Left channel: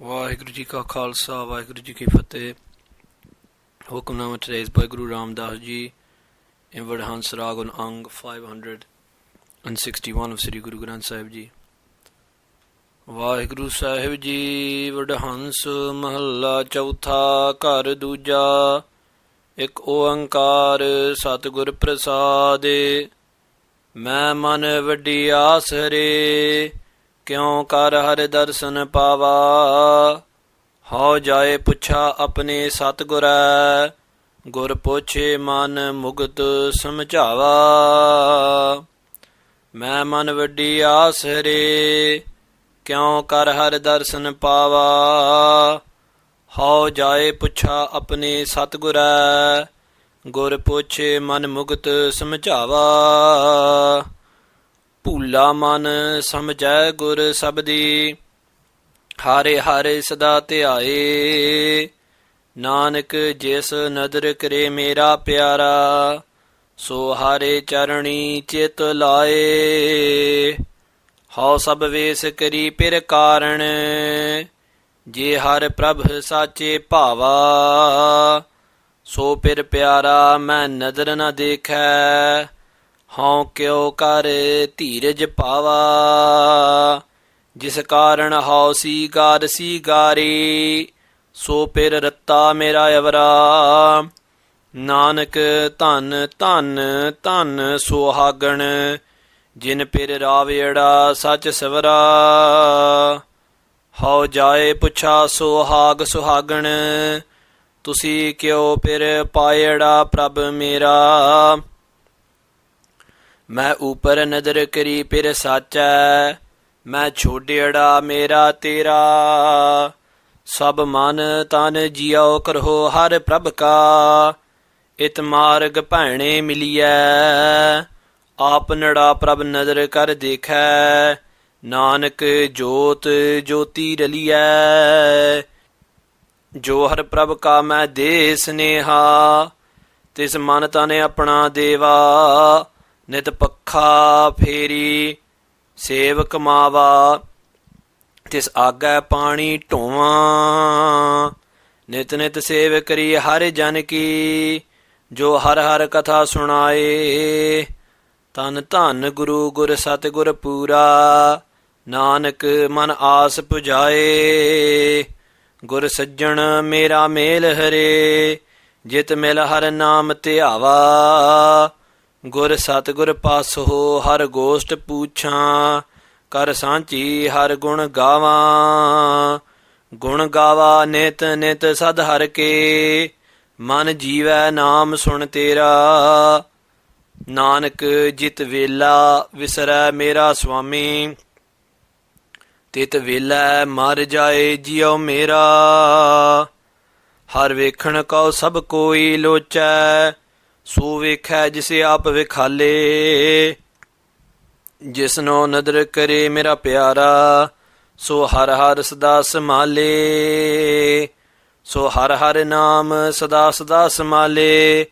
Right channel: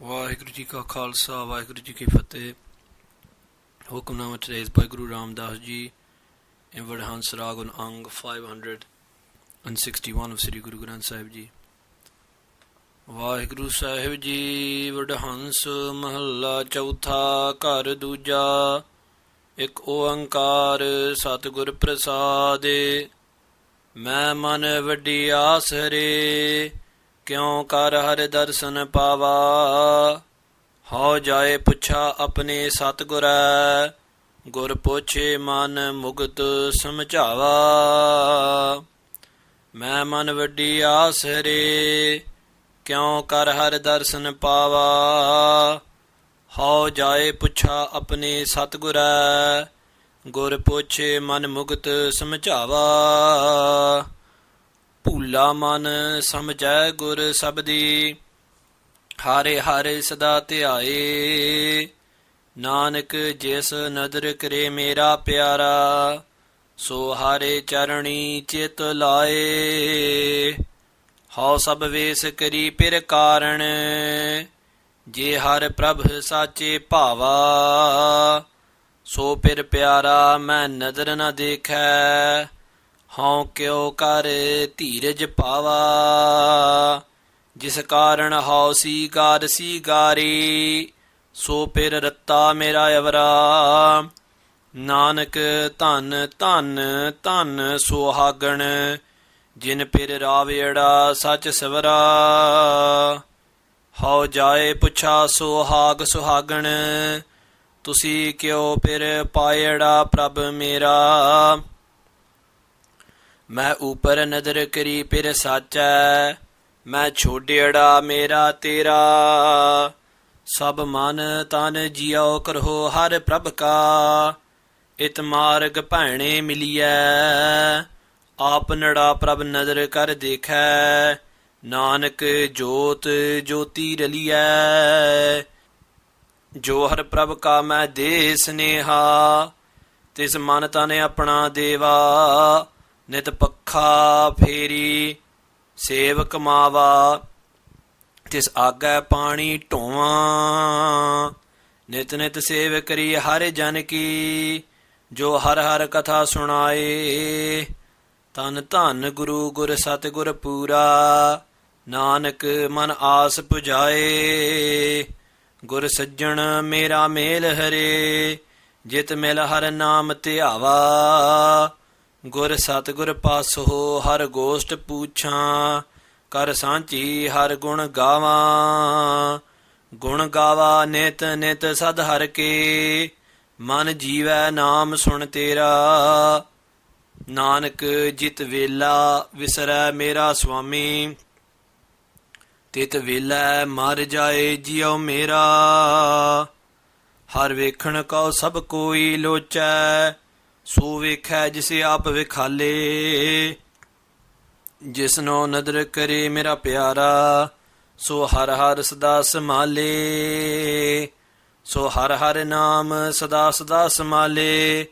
ਵਾਹਿਗੁਰੂ ਜੀ ਕਾ ਖਾਲਸਾ ਵਾਹਿਗੁਰੂ ਜੀ ਕੀ ਫਤਿਹ। ਹੁਕਮਨਾਮਾ today is by Guru Ramdas ji in WADAHANS Rag on Ang 561 of Sri Guru Granth Sahib ji। Waheguru Sahib ji Wadahans ਮਹੱਲਾ ਚੌਥਾ ਘਰ ਦੂਜਾ। ਇੱਕ ਓੰਕਾਰ ਸਤਿਗੁਰ ਪ੍ਰਸਾਦਿ। ਮੈਂ ਮਨ ਵੱਡੀ ਆਸ ਹਰੇ ਕਿਉ ਕਰ ਹਰਿ ਦਰਸ਼ਨ ਪਾਵਾ। ਹਉ ਜਾਏ ਪੁੱਛਾ ਆਪਣੇ ਸਤਿਗੁਰੈ ਗੁਰ ਪੁੱਛੇ ਮਨ ਮੁਗਤ ਸਮਝਾਵਾ। ਮੈਂ ਮਨ ਵੱਡੀ ਆਸ ਹਰੇ ਕਿਉ ਕਰ ਹਰਿ ਦਰਸ਼ਨ ਪਾਵਾ। ਹਉ ਜਾਏ ਪੁੱਛਾ ਆਪਣੇ ਸਤਿਗੁਰੈ ਗੁਰ ਪੁੱਛੇ ਮਨ ਮੁਗਤ ਸਮਝਾਵਾ। ਭੂਲਾ ਮਨ ਸਮਝੈ ਗੁਰ ਸਬਦੀ ਹਾਰੇ ਹਾਰੇ ਸਦਾ ਧਿਆਏ। ਨਾਨਕ ਜਿਸ ਨਦਰ ਕਰੇ ਮੇਰਾ ਪਿਆਰਾ ਸੋ ਹਾਰੇ ਚਰਣੀ ਚਿਤ ਲਾਏ। ਹਉ ਸਭ ਵੇਸ ਕਰੀ ਪਿਰ ਕਾਰਣ ਜੇ ਹਰ ਪ੍ਰਭ ਸਾਚੇ ਭਾਵਾ। ਸੋ ਪਿਰ ਪਿਆਰਾ ਮੈਂ ਨਦਰ ਨ ਦੇਖੈ ਹਉ ਕਿਉ ਕਰ ਧੀਰਜ ਪਾਵਾ। ਜਿਸ ਕਾਰਨ ਹਉ ਸੀਗਾਰ ਸੀਗਾਰੀ ਸੋ ਪਿਰ ਰੱਤਾ ਮੇਰਾ ਅਵਰਾ। ਨਾਨਕ ਧੰਨ ਧੰਨ ਧੰਨ ਸੁਹਾਗਣ ਜਿਨ ਪਿਰ ਰਾਵੇੜਾ ਸਚ ਸਵਰਾ। ਹਉ ਜਾਏ ਪੁੱਛਾ ਸੁਹਾਗ ਸੁਹਾਗਣ ਤੁਸੀਂ ਕਿਉ ਪਿਰ ਪਾਇੜਾ ਪ੍ਰਭ ਮੇਰਾ। ਮੈਂ ਉਪਰ ਨਦਰ ਕਰੀ ਪਿਰ ਸਾਚੈ ਮੈਂ ਛੋਡਿੜਾ ਮੇਰਾ ਤੇਰਾ। ਸਭ ਮਨ ਤਨ ਜਿਉ ਕਰੋ ਹਰ ਪ੍ਰਭ ਕਾ ਇਤ ਮਾਰਗ ਭੈਣੇ ਮਿਲੀਐ। ਆਪ ਨੜਾ ਪ੍ਰਭ ਨਦਰ ਕਰ ਦੇਖੈ ਨਾਨਕ ਜੋਤ ਜੋਤੀ ਰਲੀਐ। ਜੋ ਹਰ ਪ੍ਰਭ ਕਾ ਮੈਂ ਦੇ ਸਨੇਹਾ ਤਿਸ ਮਨ ਤਨ ਆਪਣਾ ਦੇਵਾ। ਨਿਤ ਪੱਖਾ ਫੇਰੀ ਸੇਵ ਕਮਾਵਾ ਤਿਸ ਆਗੈ ਪਾਣੀ ਢੋਵਾਂ। ਨਿਤ ਨਿਤ ਸੇਵ ਕਰੀ ਹਰਿ ਜਨ ਕੀ ਜੋ ਹਰ ਹਰ ਕਥਾ ਸੁਣਾਏ। ਧੰਨ ਧੰਨ ਗੁਰੂ ਗੁਰ ਸਤਿਗੁਰ ਪੂਰਾ ਨਾਨਕ ਮਨ ਆਸ ਪੁਜਾਏ। ਗੁਰ ਸੱਜਣ ਮੇਰਾ ਮੇਲ ਹਰੇ ਜਿਤ ਮਿਲ ਹਰ ਨਾਮ ਧਿਆਵਾ। ਗੁਰ ਸਤਿਗੁਰ ਪਾਸੋ ਹਰ ਗੋਸ਼ਟ ਪੂਛਾਂ ਕਰ ਸਾਂਝੀ ਹਰ ਗੁਣ ਗਾਵਾਂ। ਗੁਣ ਗਾਵਾ ਨਿਤ ਨਿਤ ਸਦ ਹਰ ਕੇ ਮਨ ਜੀਵੈ ਨਾਮ ਸੁਣ ਤੇਰਾ। ਨਾਨਕ ਜਿਤ ਵੇਲਾ ਵਿਸਰੈ ਮੇਰਾ ਸੁਆਮੀ ਤਿਤ ਵੇਲਾ ਮਰ ਜਾਏ ਜਿਉ ਮੇਰਾ। ਹਰ ਵੇਖਣ ਕਉ ਸਭ ਕੋਈ ਲੋਚੈ ਸੋ ਵੇਖੈ ਜਿਸੇ ਆਪ ਵਿਖਾਲੇ। ਜਿਸਨੋ ਨਦਰ ਕਰੇ ਮੇਰਾ ਪਿਆਰਾ ਸੋ ਹਰ ਹਰ ਸਦਾ ਸਮਾਲੇ। ਸੋ ਹਰ ਹਰ ਨਾਮ ਸਦਾ ਸਦਾ ਸਮਾਲੇ।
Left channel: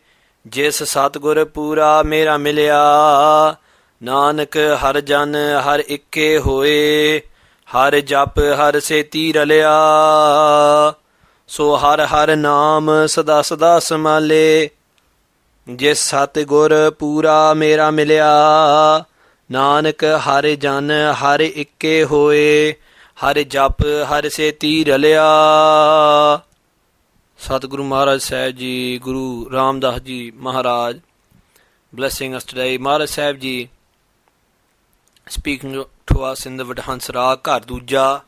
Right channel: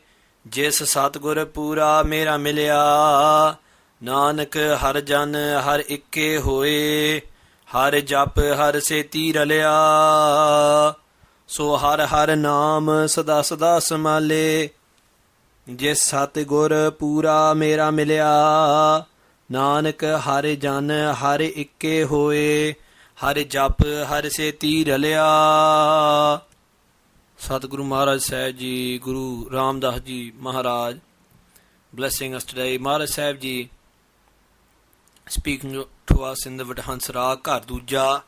ਜਿਸ ਸਤਿਗੁਰ ਪੂਰਾ ਮੇਰਾ ਮਿਲਿਆ ਨਾਨਕ ਹਰ ਜਨ ਹਰ ਇੱਕੇ ਹੋਏ। ਹਰ ਜਪ ਹਰ ਸੇਤੀ ਰਲਿਆ ਸੋ ਹਰ ਹਰ ਨਾਮ ਸਦਾ ਸਦਾ ਸਮਾਲੇ। ਜਿਸ ਸਤਿਗੁਰ ਪੂਰਾ ਮੇਰਾ ਮਿਲਿਆ ਨਾਨਕ ਹਰ ਜਨ ਹਰ ਇੱਕੇ ਹੋਏ। ਹਰ ਜਪ ਹਰ ਸੇਤੀ ਰਲਿਆ। ਸਤਿਗੁਰੂ ਮਹਾਰਾਜ ਸਾਹਿਬ ਜੀ ਗੁਰੂ ਰਾਮਦਾਸ ਜੀ ਮਹਾਰਾਜ blessing us today. Maharaj Sahib ji speaking to us in the WADAHANS Rag ਘਰ ਦੂਜਾ,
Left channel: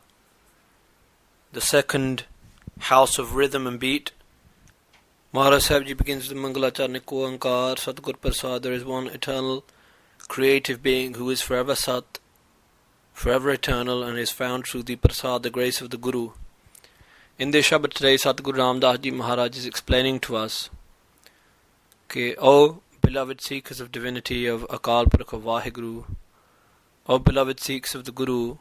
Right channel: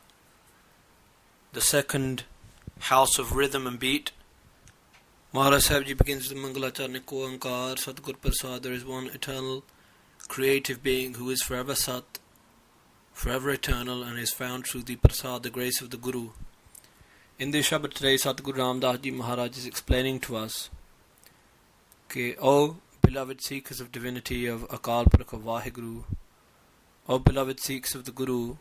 the second house of rhythm and beat. Maharaj Sahib Ji begins with Mangalacharnik Oankar Satgur Prasad. There is one eternal creative being who is forever Sat, forever eternal, and is found through the Prasad, the grace of the Guru. In this Shabad today, Satguru Ramdas Ji Maharaj is explaining to us, okay, O beloved seekers of divinity, of Akal Purkh, of Vaheguru, O beloved Sikhs of the Guru,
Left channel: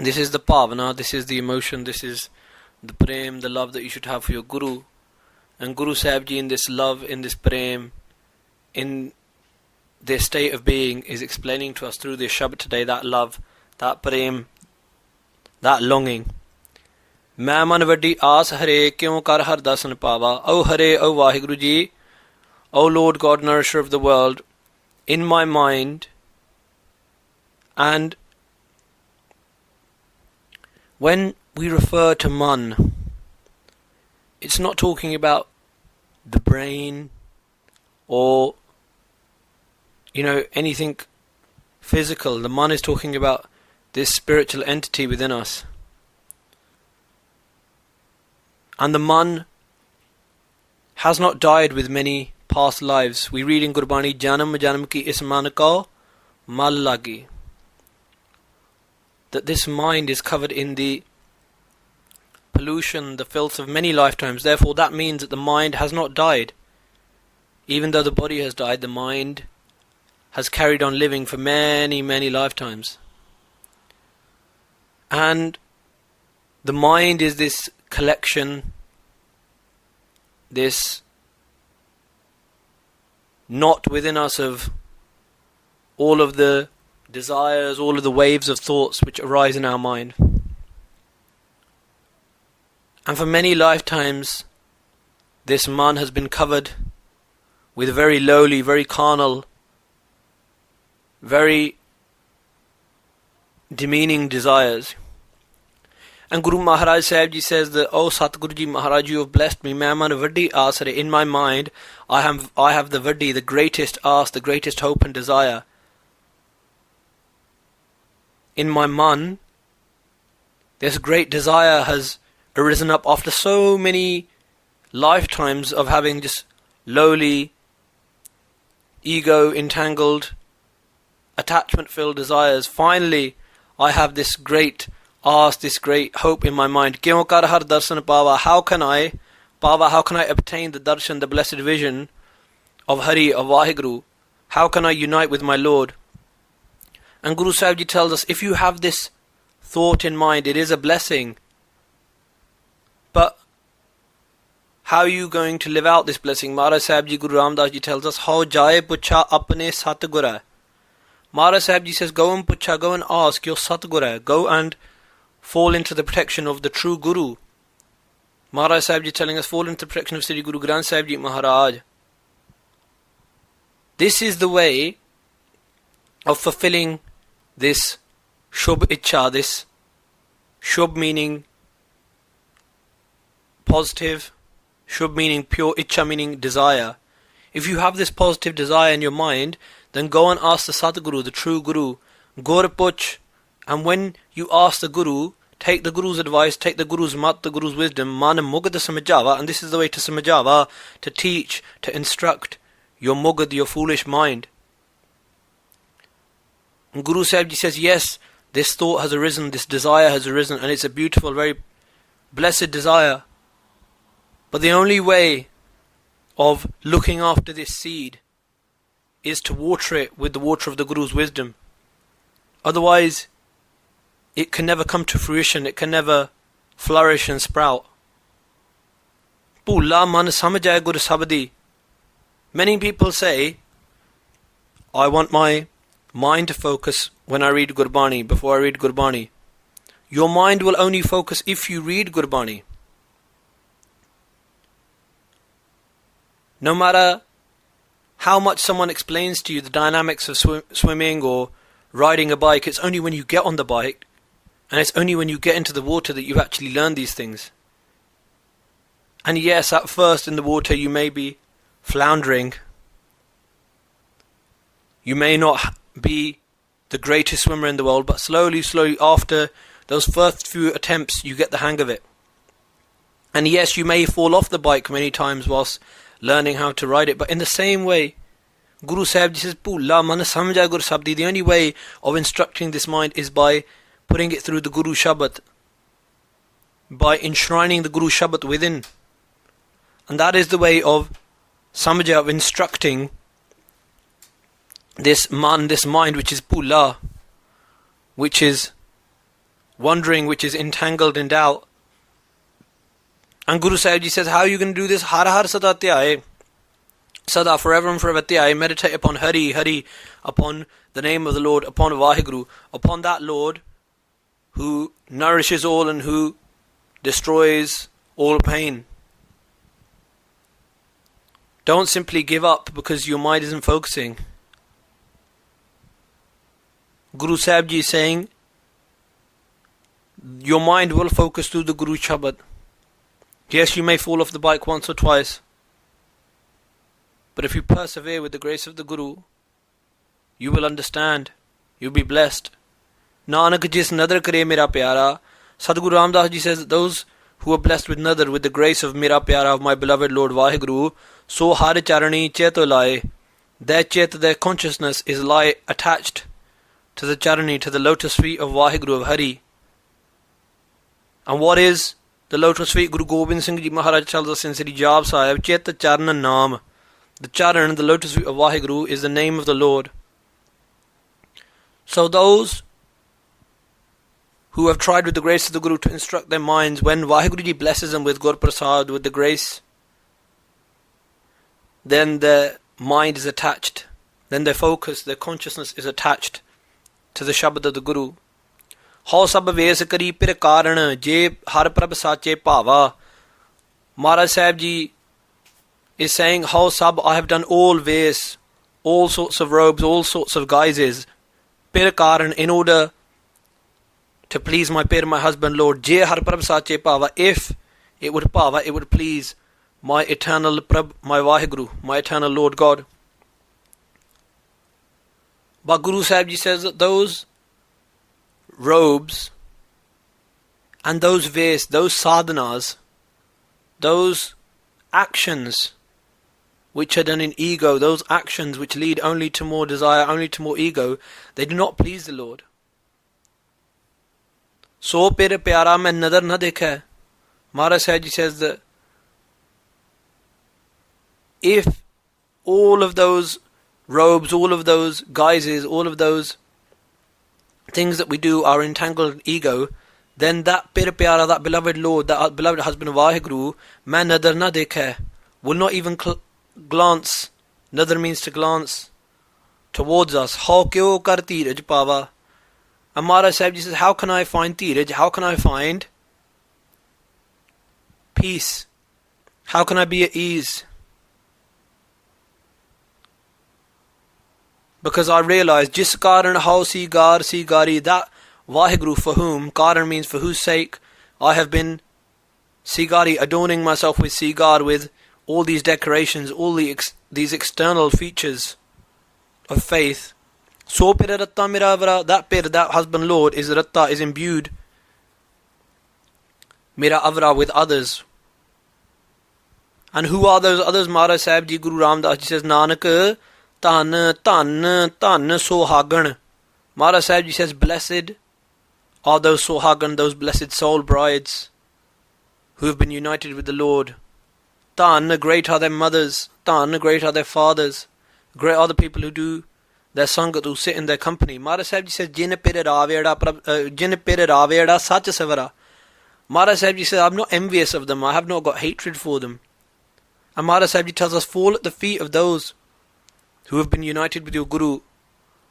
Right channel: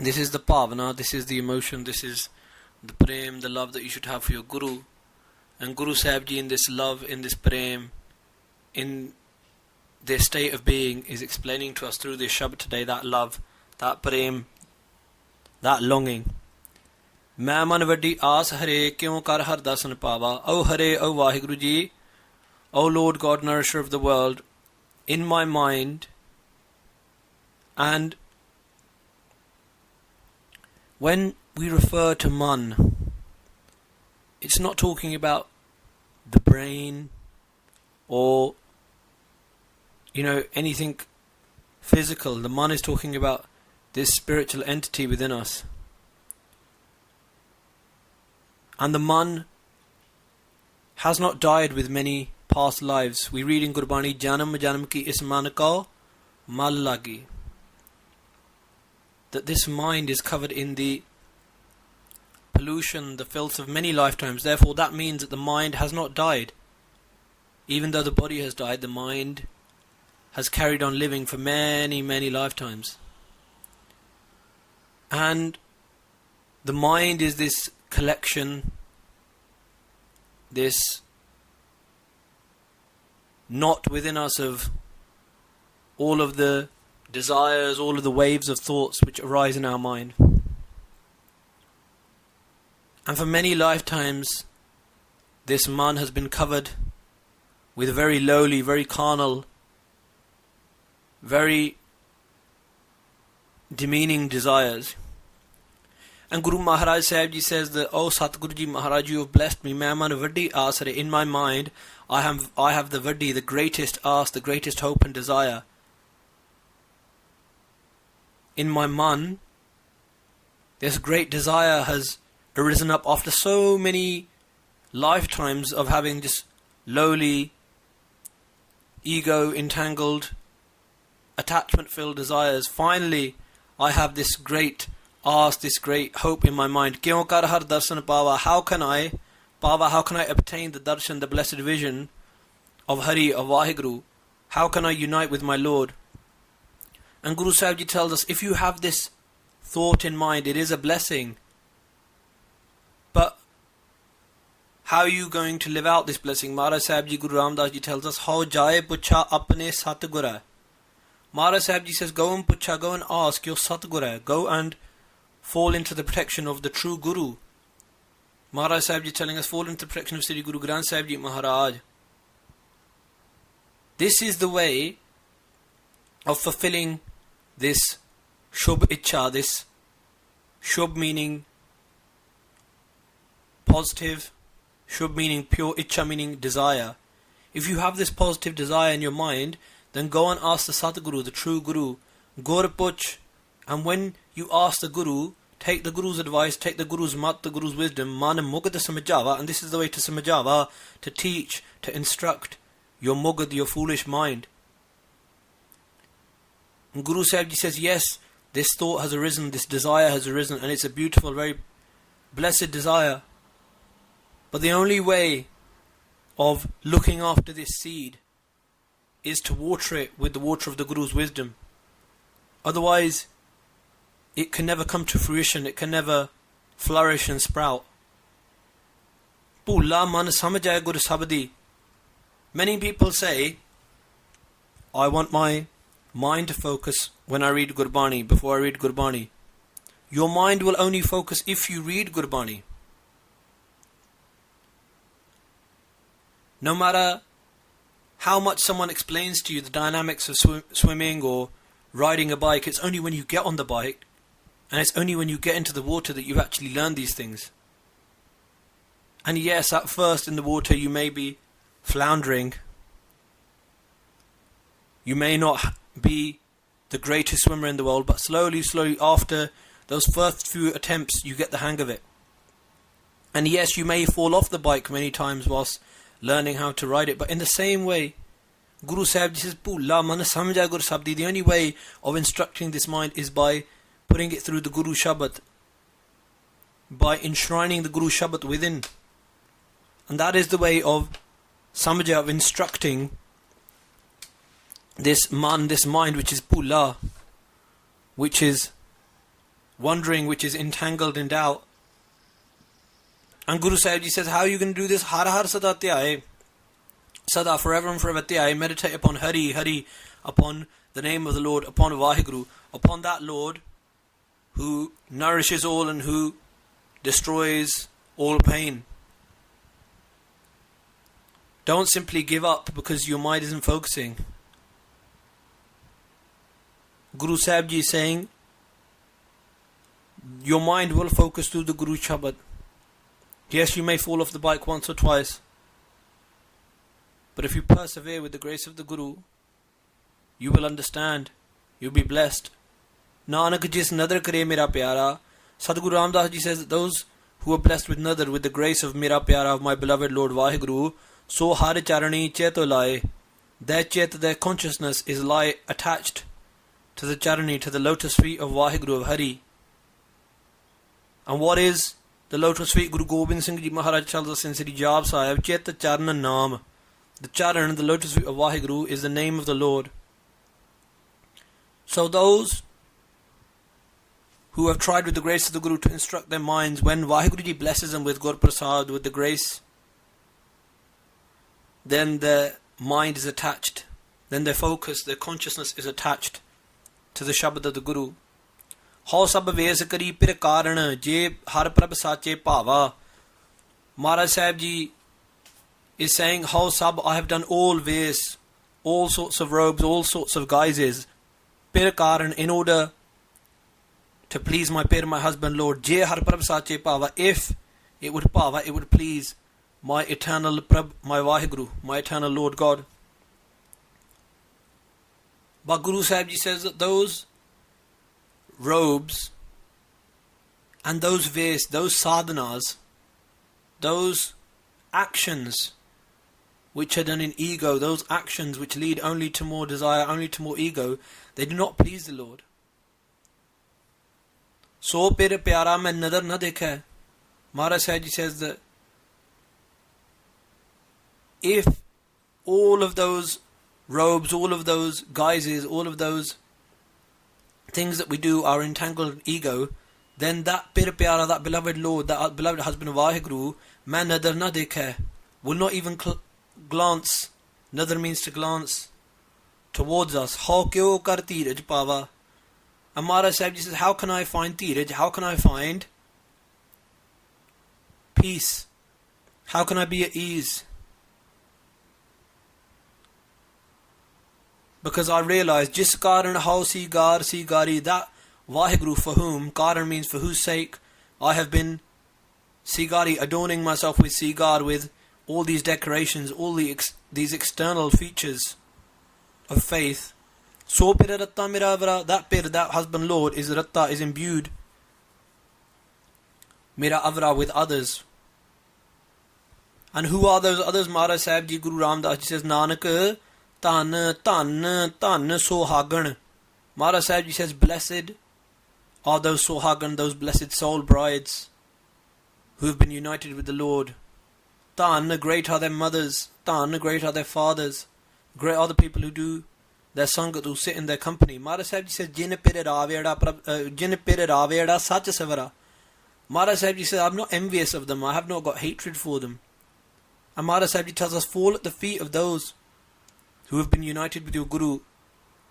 this is the Pavana, this is the emotion, this is the prem, the love that you should have for your Guru. And Guru Sahib Ji in this love, in this prem, in their state of being is explaining to us through this Shabad today that love, that prem, that longing. ਮੈਂ ਮਨ ਵੱਡੀ ਆਸ ਹਰੇ ਕਿਉਂ ਕਰ ਹਰ ਦਰਸ਼ਨ ਪਾਵਾ. O Hare, O Vaheguru Ji, O Lord God, nourisher of the world, in my mind. And when we refer to man, it's not talking about the brain or anything physical. The man is talking about this spiritual entity within us. And the man has not died with many past lives. We read in Gurbani, Janam Janam ki is man ko mal lagi, that this mind is covered in the pollution, the filth of many lifetimes. Therefore that means that the mind has not died. Even though the body has died, the mind has carried on living for many, many lifetimes. And the mind is this collection, this knot within us of all of the desires, all of the waves of thoughts which arise in our mind. And for many lifetimes, this man has been covered with very lowly, very carnal, very demeaning desires. And Guru Maharaj Sahib Ji says that, "O Satguru Ji Maharaj, you have blessed me. Main man vaddi aas in my mind, I have the vaddi, the greatest aas, the greatest hope and desire. In my man, this great desire has arisen up after so many lifetimes of having just lowly, ego-entangled, attachment-filled desires. Finally, I have this great ask, this great hope in my mind. Kyon kar har darshan pava? How can I obtain the darshan, the blessed vision of Hari, of Vaheguru? How can I unite with my Lord?" And Guru Sahib Ji tells us, if you have this thought in mind, it is a blessing. But how are you going to live out this blessing? Maharaj Sahib Ji, Guru Ramdas Ji tells us, "How jaye pucha apne Satguru." Maharaj Sahib Ji says, go and pucha, go and ask your Satguru. Go and fall into the protection of the true Guru. Maharaj Sahib Ji telling us, fall into the protection of Sri Guru Granth Sahib Ji Maharaj. This is the way of fulfilling this Shubh Ichha, this Shubh meaning positive, Shubh meaning pure, Ichha meaning desire. If you have this positive desire in your mind, then go and ask the Satguru, the true Guru, Gur Puch. And when you ask the Guru, take the Guru's advice, take the Guru's mat, the Guru's wisdom, Mana Mugad Samajava, and this is the way to Samajava, to teach, to instruct your Mugad, your foolish mind. And Guru Sahib Ji says, yes, this thought has arisen, this desire has arisen, and it's a beautiful, very blessed desire. But the only way of looking after this seed is to water it with the water of the Guru's wisdom. Otherwise, it can never come to fruition, it can never flourish and sprout. Bhula man samajaya gur sabdi. Many people say, I want my mind to focus when I read Gurbani, before I read Gurbani. Your mind will only focus if you read Gurbani. No matter how much someone explains to you the dynamics of swimming or riding a bike, it's only when you get on the bike and it's only when you get into the water that you actually learn these things. And yes, at first in the water you may be floundering. You may not be the greatest swimmer in the world, but slowly, after those first few attempts, you get the hang of it. And yes, you may fall off the bike many times whilst learning how to ride it, but in the same way, Guru Sahib says, Bhula man samjha gur sabdi. The only way of instructing this mind is by putting it through the Guru Shabad, by enshrining the Guru Shabad within. And that is the way of samjha, of instructing this mind which is Bhula, which is wandering, which is entangled in doubt. And Guru Sahib Ji says, how are you going to do this? Har har sada tyai. Sada, forever and forever tyai. Meditate upon Hari, Hari, upon the name of the Lord, upon Vaheguru, upon that Lord who nourishes all and who destroys all pain. Don't simply give up because your mind isn't focusing. Guru Sahib Ji is saying, your mind will focus through the Guru Shabad. Yes, you may fall off the bike once or twice, but if you persevere with the grace of the Guru, you will understand, you'll be blessed. Nanak jis nadar kare mera pyara. Sadguru Ramdas Ji says that those who are blessed with nadar, with the grace of mera pyara, of my beloved Lord Vaheguru, so har charani cheto laye. Their chet, their consciousness is lie attached to the charani, to the lotus feet of Vaheguru, of Hari. And what is the lotus feet? Guru Gobind Singh Ji Maharaj tells us in Sri Jap Sahib, Chet Charana Naam. The charan, the lotus feet of Vaheguru, is the name of the Lord. So those who have tried with the grace of the Guru to instruct their minds, when Vaheguru Ji blesses them with Gur Prasad, with the grace, then their mind is attached, then their focus, their consciousness is attached to the Shabad of the Guru. How sab ves kari pir karan je har prabh sache bhava. Maharaj Sahib Ji is saying, how sab, I have done all ves, all sorts of robes, all sorts of guises, pir karan, in order to please my pir, my husband Lord. Je har prabh sache bhava, if it would bhava, it would please my eternal prabh, my Vaheguru, my eternal Lord God. But Guru Sahib Ji says that those robes and those ves, those sadhanas, those actions which are done in ego, those actions which lead only to more desire, only to more ego, they do not please the Lord. So pere pyara mein nadar na dekha. Maharaj Sahib Ji says that if all of those robes, all of those guises, all of those things that we do are entangled in ego, then that pir pyara, that beloved Lord, that beloved husband of Vaheguru, main nadar na dekha, will not even glance. Nadar means to glance towards us. How kyo kar tiraj pava. And Maharaj Sahib Ji says, how can I find tiraj? How can I find peace? How can I be at ease? Because I realize, jis karan how sigari, that Vaheguru for whom, karan means for whose sake, I have been sigari, adorning myself with sigar, with all these decorations, all these external features of faith. So pir ratta miravara, that pir, that husband Lord, is ratta, is imbued mira avra, with others. And who are those others? Maharaj Sahib Ji, Guru Ramdas Ji says, Nanak Tan, tan, tan, sohagan. Maharaj Sahib Ji says, blessed are those sohagan, those blessed soul brides who have been united with the Lord. Tan, great are their mothers. Tan, great are their fathers. Great are the people who do their sangat, who sit in their company. Maharaj Sahib Ji says, jin pir raveda sach savara. Maharaj Sahib Ji says, I'm not envious of them, I have not got hatred for them. And Maharaj Sahib Ji tells us, fall at the feet of those who have been united with your Guru.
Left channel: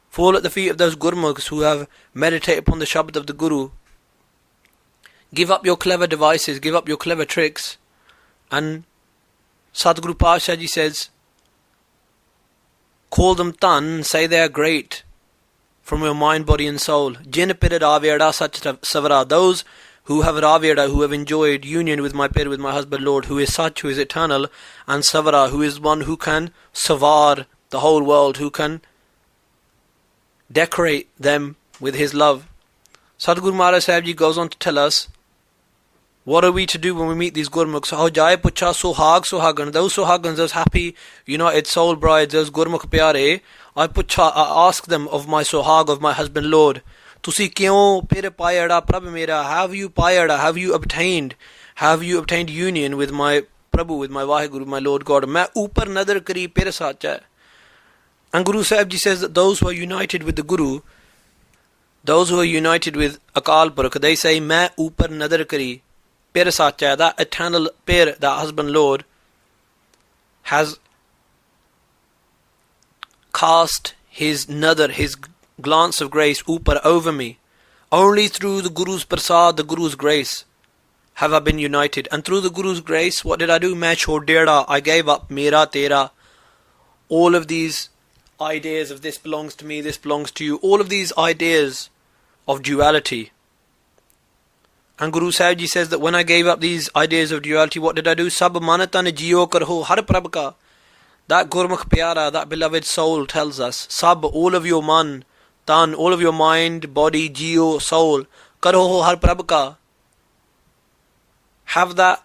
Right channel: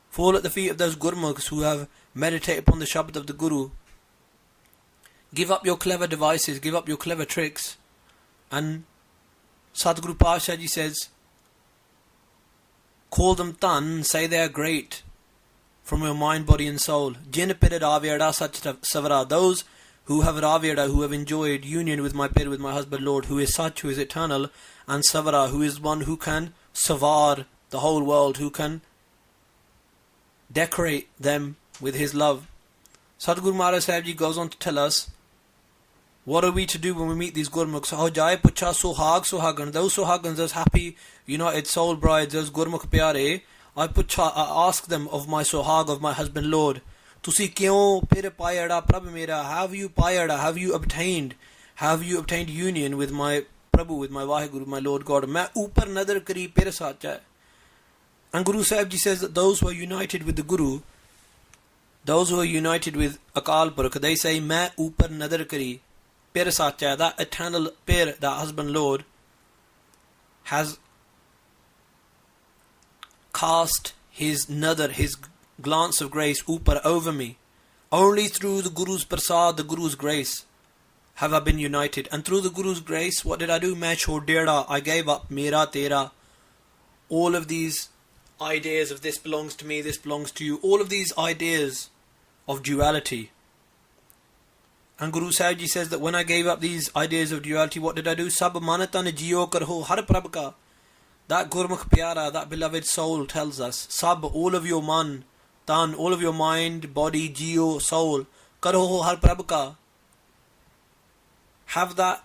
Fall at the feet of those Gurmukhs who have meditated upon the Shabad of the Guru. Give up your clever devices, give up your clever tricks. And Sadguru Pasha Ji says, call them tan, say they are great from your mind, body and soul. Jin pir raveda sach savara, those who have raveda, who have enjoyed union with my pir, with my husband Lord, who is such, who is eternal, and savara, who is one who can savar the whole world, who can decorate them with his love. Sadguru Maharaj Sahib Ji goes on to tell us, what are we to do when we meet these Gurmukhs? How jai pucha sohagan, those sohagans, those happy, united soul brides, those Gurmukh pyare, I ask them of my sohag, of my husband Lord, Tusi kyon pir payada prabh mera, have you payada, have you obtained union with my Prabhu, with my Vaheguru, my Lord God? Main upar nadar kari pir sacha. And Guru Sahib Ji says that those who are united with the Guru, those who are united with Akal Purakh, they say, Main upar nadar kari pir sacha, that eternal pir, that husband Lord, has cast his nadar, his glance of grace, upar, over me. Only through the Guru's prasad, the Guru's grace, have I been united. And through the Guru's grace, what did I do? Main chhod deda, I gave up mera tera. All of these ideas of this belongs to me, this belongs to you. All of these ideas of duality. And Guru Sahib Ji says that when I gave up these ideas of duality, what did I do? Sab manatan jiyo karho har prabh ka. That Gurmukh Pyara, that beloved soul tells us, Sab, all of your man, tan, all of your mind, body, jiyo, soul, karho har prabh ka. Have that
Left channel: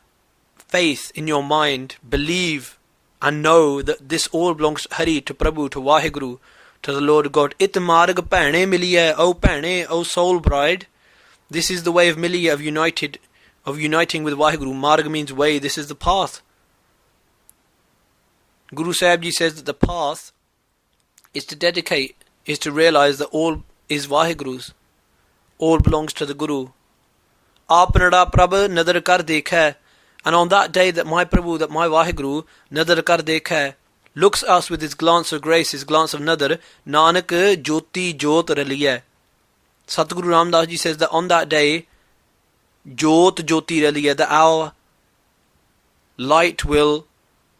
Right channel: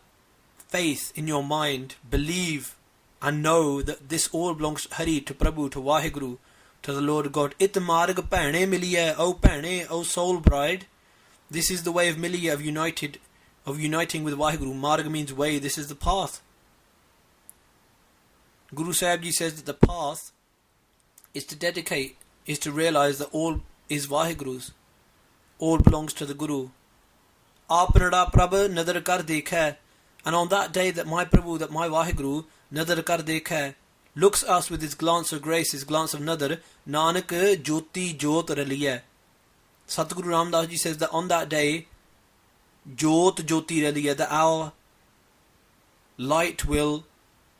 faith in your mind, believe and know that this all belongs to Hari, to Prabhu, to Vaheguru, to the Lord God. It marg bhane miliye, O bhane, O soul bride. This is the way of miliye, of uniting with Vaheguru. Marg means way, this is the path. Guru Sahib Ji says that the path is to dedicate, is to realize that all is Vaheguru's. All belongs to the Guru. Apnada Prabh nadar kar dekha. And on that day that my Prabhu, that my Vaheguru, nadar kar dekha, looks us with his glance of grace, his glance of nadar, Nanak jyoti jyot raliya. Satguru Ramdas Ji says that on that day, jyot jyoti raliya, that our light will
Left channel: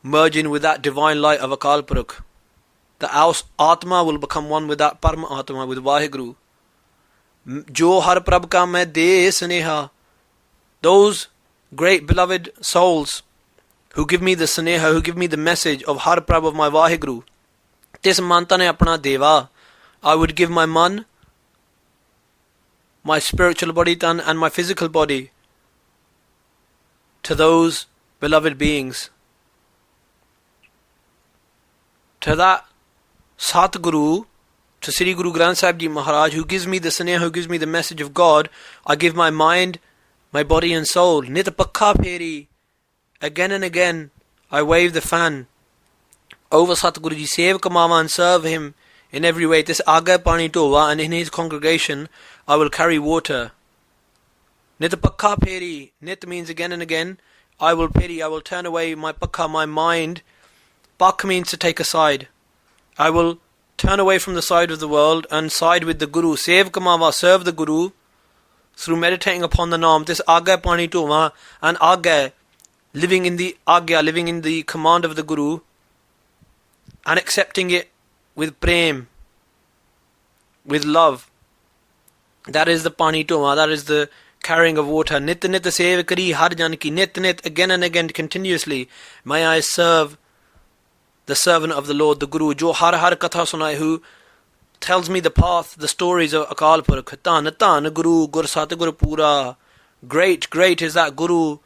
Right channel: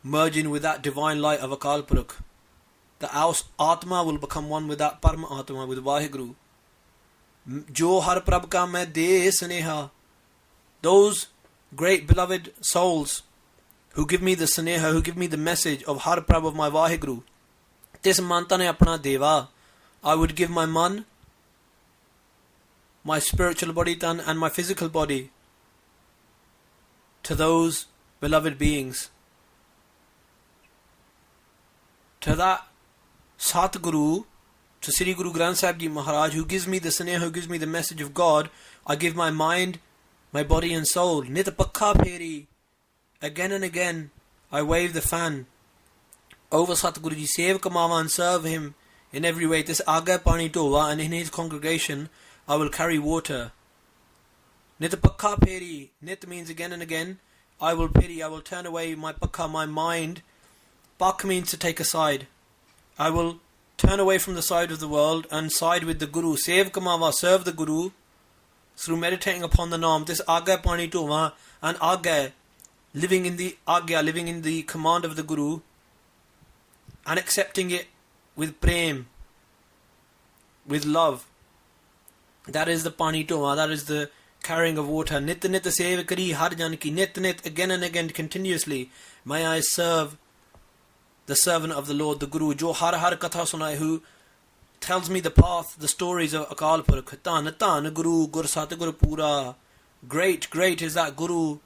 merge in with that divine light of Akal Purukh. That our Atma will become one with that Parma Atma, with Vaheguru. Jo har prabh ka main de sneha. Those great beloved souls who give me the sneha, who give me the message of har prabh, of my Vaheguru. Tis manta ne apna deva. I would give my man, my spiritual body tan, and my physical body to those beloved beings. To that Satguru, to Sri Guru Granth Sahib Ji Maharaj, who gives me the sneha, who gives me the message of God, I give my mind, my body and soul. Nit pakha pheri. Again and again, I wave the fan over Satguru Ji, save Kamama and serve him in every way. This Aga Pani Tova, and in his congregation, I will carry water. Nit pakha pheri. Nit means again and again. I will peri, I will turn away my pakha, my mind. Pak means to take a side. I will turn away from the side of the world and side with the Guru. Save Kamava, serve the Guru through meditating upon the Naam. This Agya Pani Tova, and Agya, living in the Agya, living in the command of the Guru and accepting it with prem, with love. That is the Pani Tova, that is the carrying of water. Nit nit sev kari har jan ki. Nit nit, again and again, continuously, may I serve the servant of the Lord, the Guru, jo har har katha sunai, who tells me the path, the stories of Akal Purukh. Tan tan Guru, Gur Satguru Pura. Great, great is that Guru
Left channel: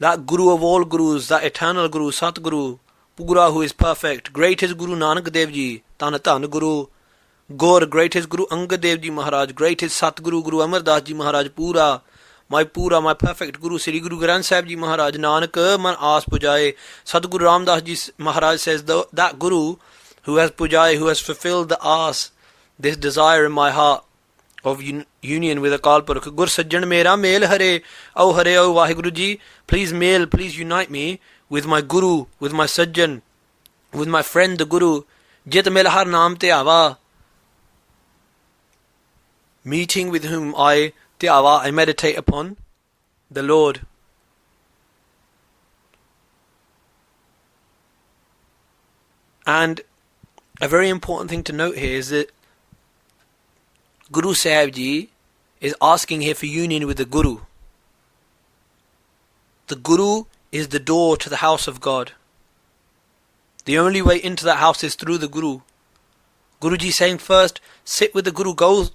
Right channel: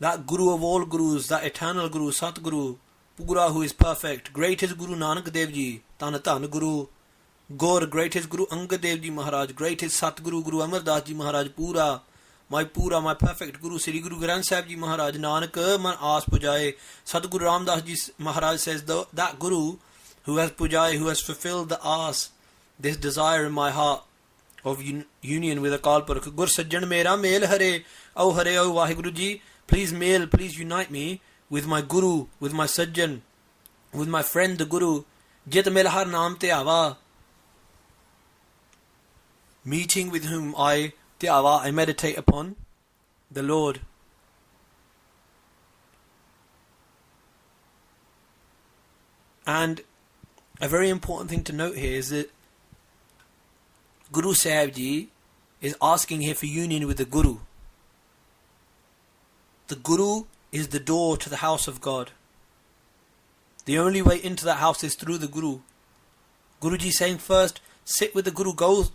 of all Gurus, that eternal Guru, Satguru, Pura, who is perfect. Great is Guru Nanak Dev Ji, tan tan Guru. Gaur, great is Guru Angad Dev Ji Maharaj. Great is Satguru, Guru Amar Das Ji Maharaj, Pura, my perfect Guru, Sri Guru Granth Sahib Ji Maharaj. Nanak man aas pujaye. Sadguru Ramdas Ji Maharaj says, that Guru who has pujaye, who has fulfilled the aas, this desire in my heart of union with Akal Purukh. Gur Sajjan mera MEHL hare, O Vaheguru Ji, please MEHL, please unite me with my Guru, with my Sajjan, with my friend the Guru. Jit mil har naam te ava. Meeting with whom I meditate upon the Lord. And a very important thing to note here is that Guru Sahib Ji is asking here for union with the Guru. The Guru is the door to the house of God. The only way into that house is through the Guru. Guruji saying first, sit with the Guru, go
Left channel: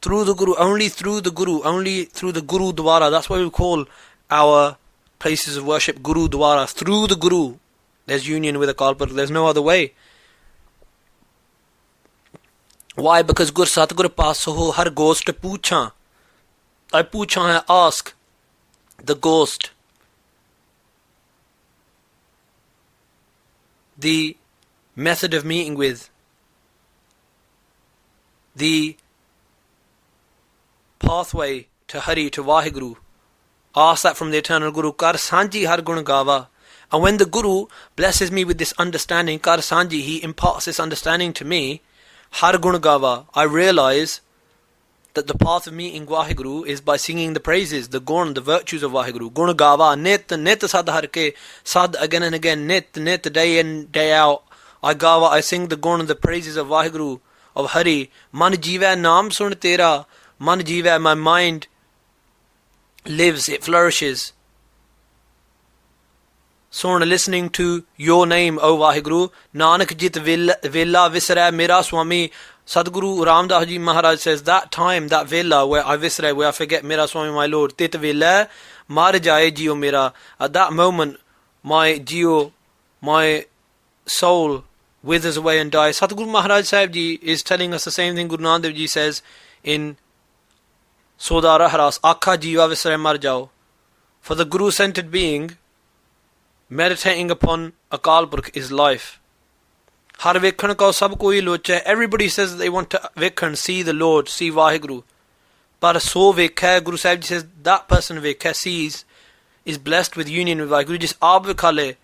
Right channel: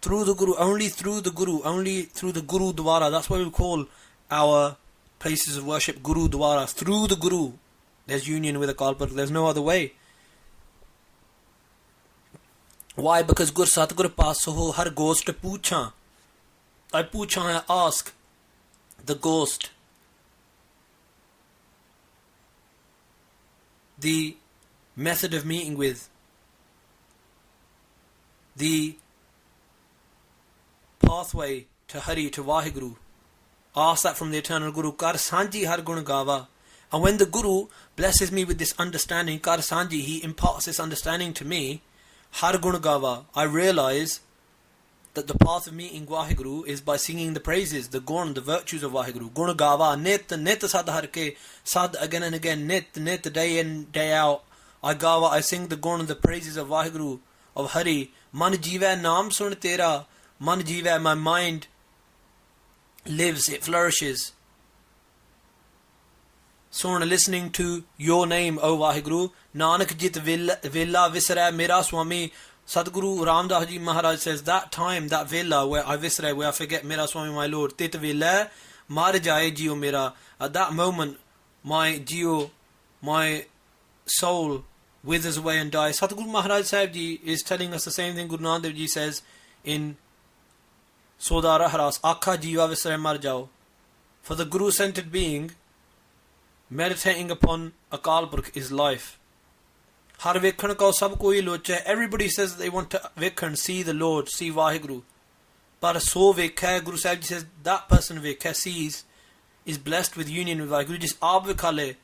through the Guru, only through the Guru, only through the Guru Dwara. That's why we call our places of worship Guru Dwara. Through the Guru, there's union with Akal Purukh. There's no other way. Why? Because Gur Satguru Paso har ghost pucha. I pucha hai, ask the ghost, the method of meeting with, the pathway to Hari, to Vaheguru. Ask that from the eternal Guru. Kar Sanji har gun gava. And when the Guru blesses me with this understanding, Kar Sanji, he imparts this understanding to me. Har gun gava. I realize that the path of meeting Vaheguru is by singing the praises, the gun, the virtues of Vaheguru. Gun gava, nit sad harke, sad again and again, nit, day in, day out. I gava, I sing the gun, the praises of Vaheguru, of Hari. Man jiva naam sun tera, man jiva, my mind lives, it flourishes. Sun, listening to your name, O Vaheguru. Nanak jit vela visra mera Swami. Sadguru Ramdas Ji Maharaj says, that time, that vela where I visra, where I forget Mera Swami, my Lord, tit vela mar jaye jio mera. At that moment, my jio, my soul withers away and dies. Sadguru Maharaj Sahib Ji is telling us the same thing Guru Nanak Dev Ji says in Sodara Haras, Akha jiva visra mar jao. For the Guru-centered being, meditating upon Akal Purkh is life. Har vekhan ko sab koi locha. Everybody says that they want to vekhan, see the Lord, see Vaheguru. But so vekha, Guru Sahib Ji says, that person vekha, sees, is blessed with union with Vaheguru. Just aap vikhale,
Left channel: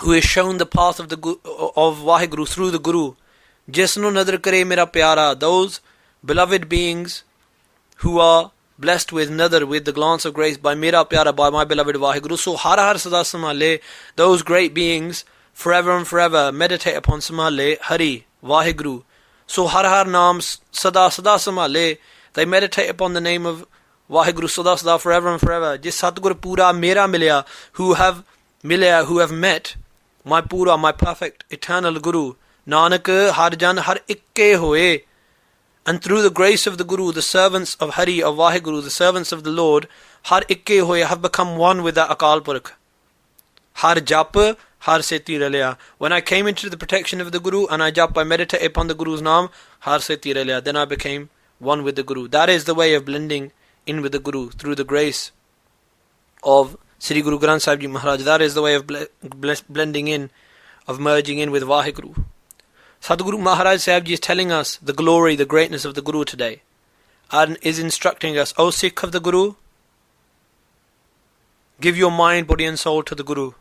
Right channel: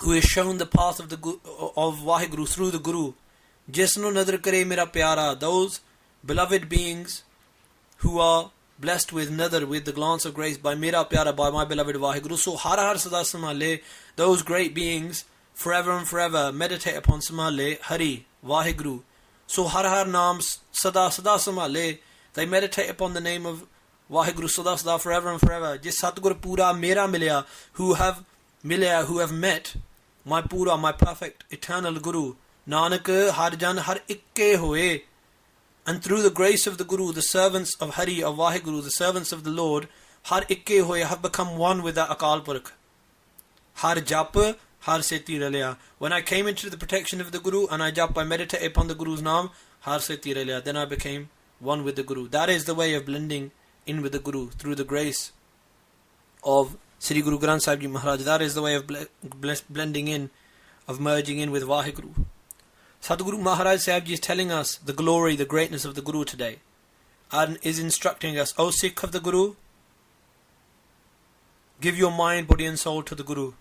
who is shown the path of Vaheguru through the Guru. Jisnu nadar kare mera pyara. Those beloved beings who are blessed with nadar, with the glance of grace by mera pyara, by my beloved Vaheguru. So har har sada samale, those great beings forever and forever meditate upon samale Hari, Vaheguru. So har har naam sada samale, they meditate upon the name of Vaheguru sada forever and forever. Jis Satgur pura mera milya, who have met my pura, my perfect eternal Guru. Nanak har jan har ikke hoye. And through the grace of the Guru, the servants of Hari, of Vaheguru, the servants of the Lord, har ikke hoye, have become one with that Akal Purkh. Har jap, har seti ralya. When I came into the protection of the Guru and I jap, I meditate upon the Guru's name, har seti ralya. Then I became one with the Guru. That is the way of blending in with the Guru, through the grace of Sri Guru Granth Sahib Ji Maharaj. That is the way of blending in, of merging in with Vaheguru. Sadguru Maharaj Sahib Ji is telling us the glory, the greatness of the Guru today, and is instructing us, O Sikh of the Guru, give your mind, body and soul to the Guru,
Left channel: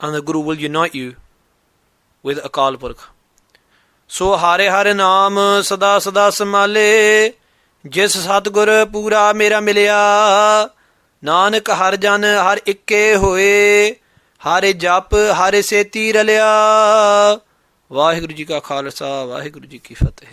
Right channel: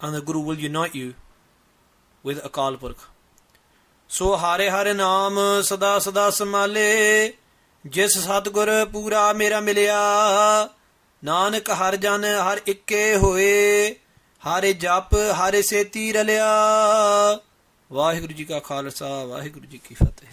and the Guru will unite you with Akal Purkh. So hare hare naam sada samale, jis Satgur pura mera milya. Nanak har jan har ikke hoye, hare jap hare seti ralya. Vaheguru Ji ka Khalsa, Vaheguru Ji ki Fateh.